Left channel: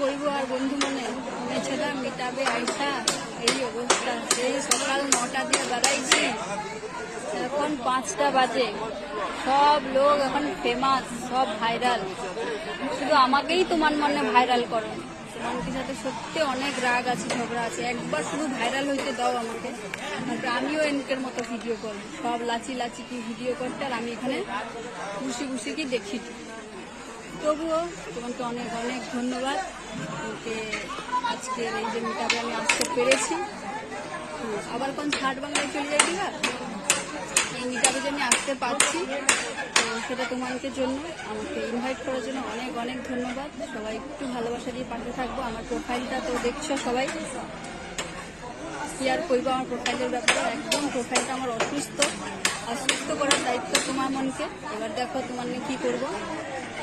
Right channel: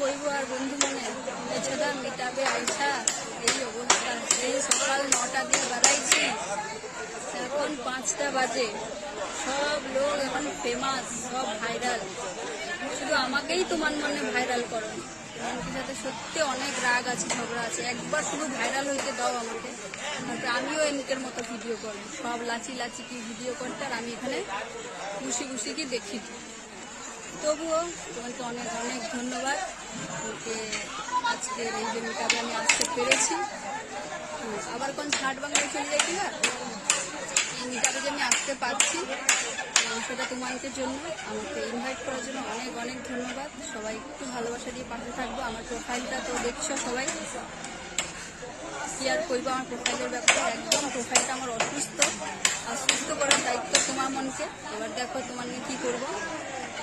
করব আর বন্ধু মনে মেছেদা মিটাবে আইসা এই অবস্থা। সেই সকাল 9টা দিয়ে বেড়াইছি, এখন 5টা বাজে। সব লোক এখন ফেমাস, সব ভাইরাল। শুধু আমাকেই তোমার মনে ভাইরাল করো। তোমার সাথে সত্যি অনেক রাগ আছে, ঝগড়া আছে। একবার শুধু ভাইরাল হইতে দাও আমাকে, আমিও এমকের মতো ভিডিও করবো। সব লাচি লাচি কি ভিডিও করতে, আর আমি এখানে খুশি খুশি কি দেখি। তবুও তোমাকে অনেক অনেক ধন্যবাদ যে আজকের এই যে মিটাবে আমি আসতে পেরেছি। আবার কোন ছাট বাংলায় চলে যাচ্ছি না, এই মিটাবে যে আমি আসতে পারছি সেটা তোমাদের জন্য, আমাকে ইনভাইট করার জন্য অনেক অনেক ধন্যবাদ। সবাই একটু ভালোবাসা দিয়ে পাশে থাকবো। আমার প্রোফাইলটা তো দেখছো সবাই, কি আর করবো আমার প্রোফাইলের ব্যাপারে। একদম প্রোফাইলটা আমার অসুস্থ করার দায়িত্ব তোমার মনকে। এবার দেখো তোমার নিয়ে কী করবো।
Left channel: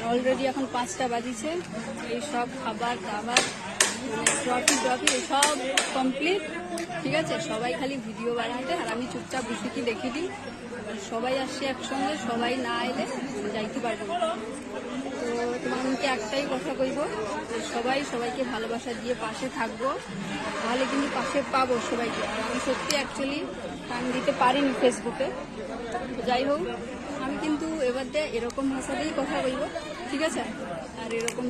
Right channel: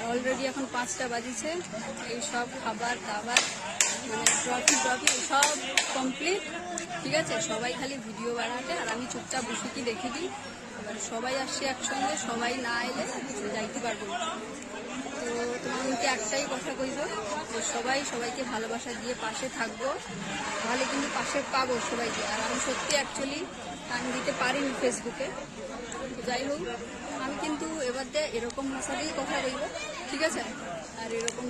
অলরেডি এখন 5টা বাজিছে, এই সব খাবার দাবার ট্রফি এসব কমপ্লিট, ঠিক আছে। সবাই খালি ভিডিও বানাতে, আর আমি চুপচাপ বসে কি দেখে দিই। সবাই আসছে একসঙ্গে, সবাই না এলে যাইতে পারবো না। তো তোমাকে একটাই কথা কইব যে সবাই সবাইকে ভালোবাসা দিয়ে পাশে থাকবো, তাহলে কিন্তু পাশে পাবো সবাইকে। আর আমি সত্যি অ্যাকচুয়ালি টান দিতে পারিনি ফেসবুকে। যাই হোক, আমি কিন্তু এবার দিয়ে এরকম ভাষাতেই কথা বলবো, ঠিক আছে। আর এরকম